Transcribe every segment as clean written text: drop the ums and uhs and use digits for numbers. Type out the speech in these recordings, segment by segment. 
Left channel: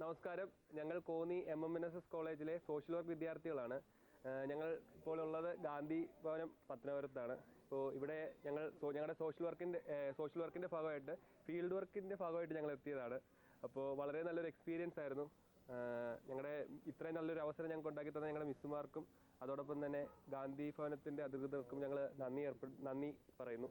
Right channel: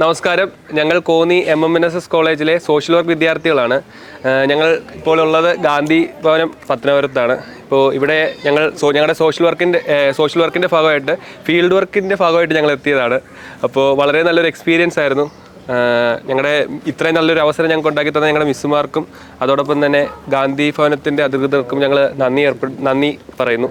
നമസ്കാരം. ഞങ്ങൾ കോന്നി MMNSS കോളേജിലെ സോഷ്യൽ വർക്ക് വിദ്യാർത്ഥികളാണ്. ഞങ്ങൾ ഇപ്പോൾ ഉള്ളത് ഗാന്ധി ഭവനം പത്തനാപുരത്താണ്. ഇപ്പോൾ ഇവിടെ ഞങ്ങളുടെ സോഷ്യൽ വർക്കിൻ്റെ ഭാഗമായിട്ട് ഫീൽഡ് വർക്കിൻ്റെ ഭാഗമായിട്ട് ഞങ്ങൾ എത്തിയതാണ്. അപ്പോൾ വളരെ നല്ലൊരു എക്സ്പീരിയൻസ് ആയിരുന്നു. ഞങ്ങളുടെ ഇത്രയും നല്ലൊരു അവസരം ഞങ്ങൾക്ക് ഉണ്ടാക്കി തന്ന ഞങ്ങളുടെ മിസ്സുമാർക്കും അതോടൊപ്പം തന്നെ ഗാന്ധി ഭവനത്തിൻ്റെ അധികൃതർക്കും ഞങ്ങൾ നന്ദി പറയുന്നു.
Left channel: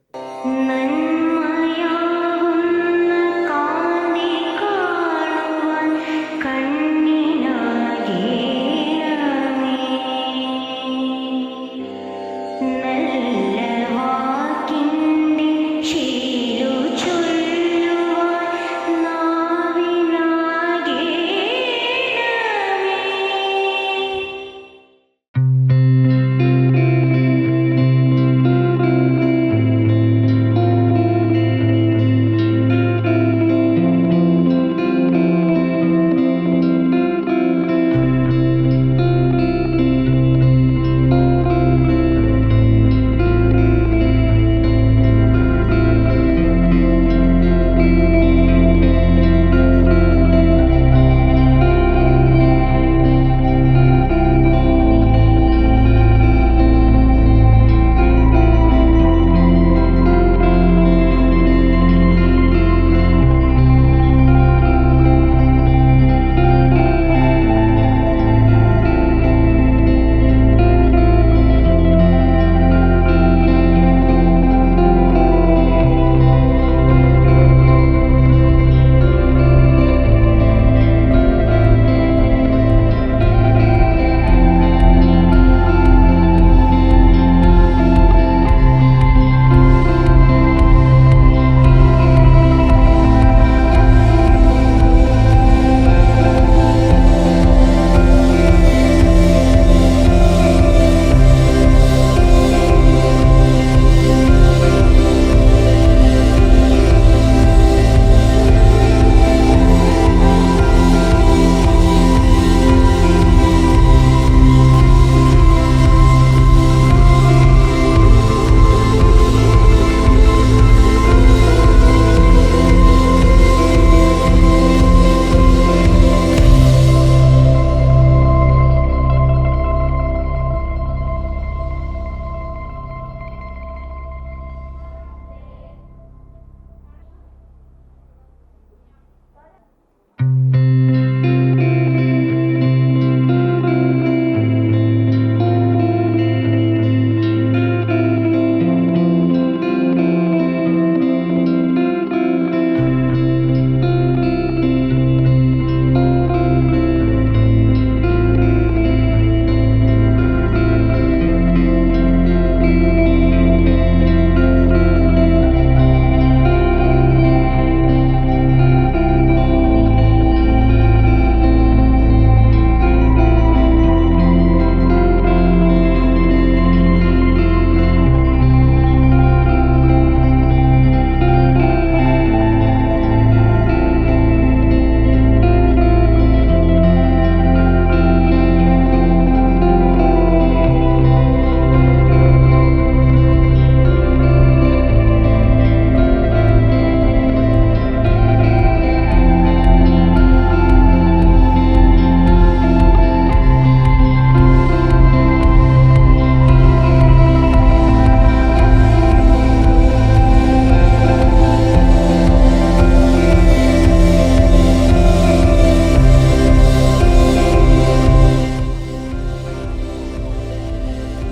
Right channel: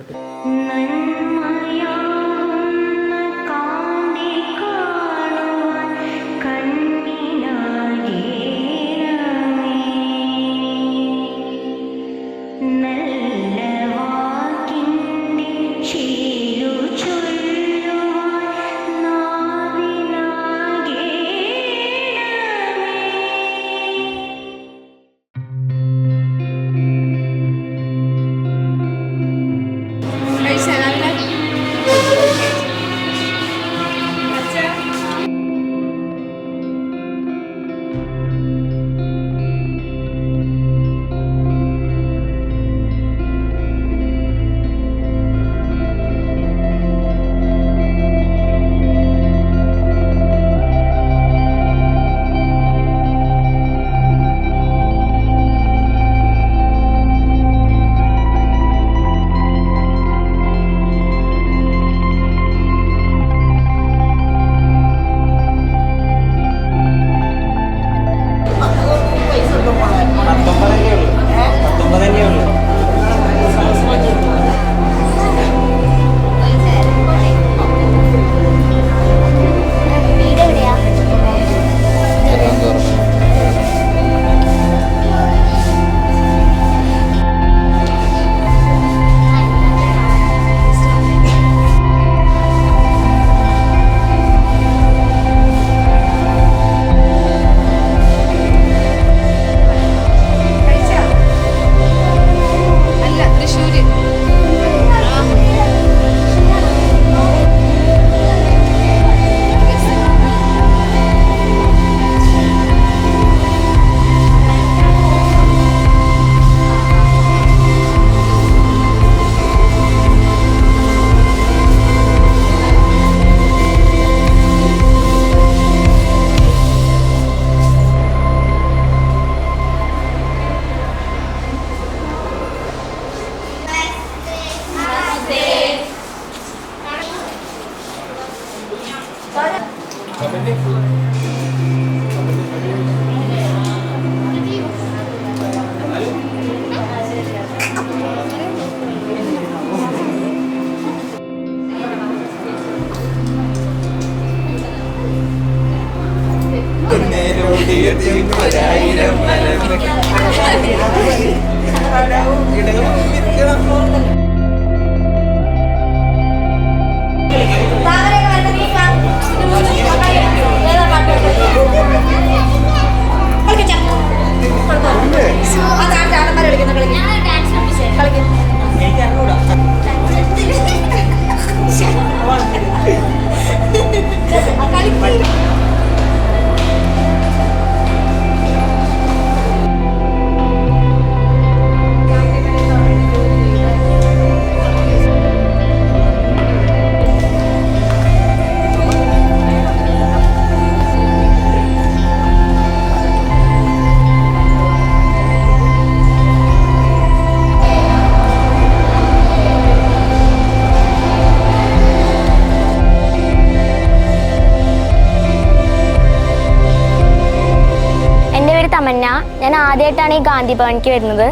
ആദ്യമായിട്ടാണ് ഈ ഗാന്ധിഭവനിക്ക് വരുന്നത്.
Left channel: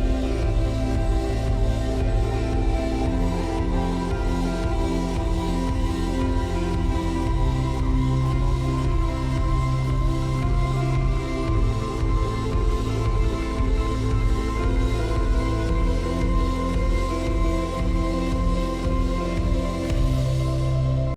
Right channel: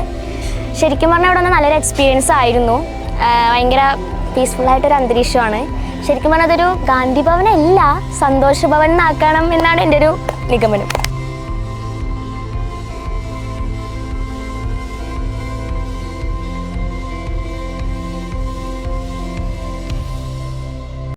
ശരിക്കും പറഞ്ഞാൽ ഇവിടെ വന്ന് നല്ലൊരു എക്സ്പീരിയൻസ് ആയിരുന്നു. ഭയങ്കര പീസ്ഫുള്ളായിട്ടൊരു അന്തരീക്ഷമാണ്. ശരിക്കും പറഞ്ഞാൽ അതൊരു ഗാന്ധിഭവനല്ല, സന്തോഷഭവൻ എന്നാക്കണം എന്നാണ് എൻ്റെ ഒരു നിഗമനം.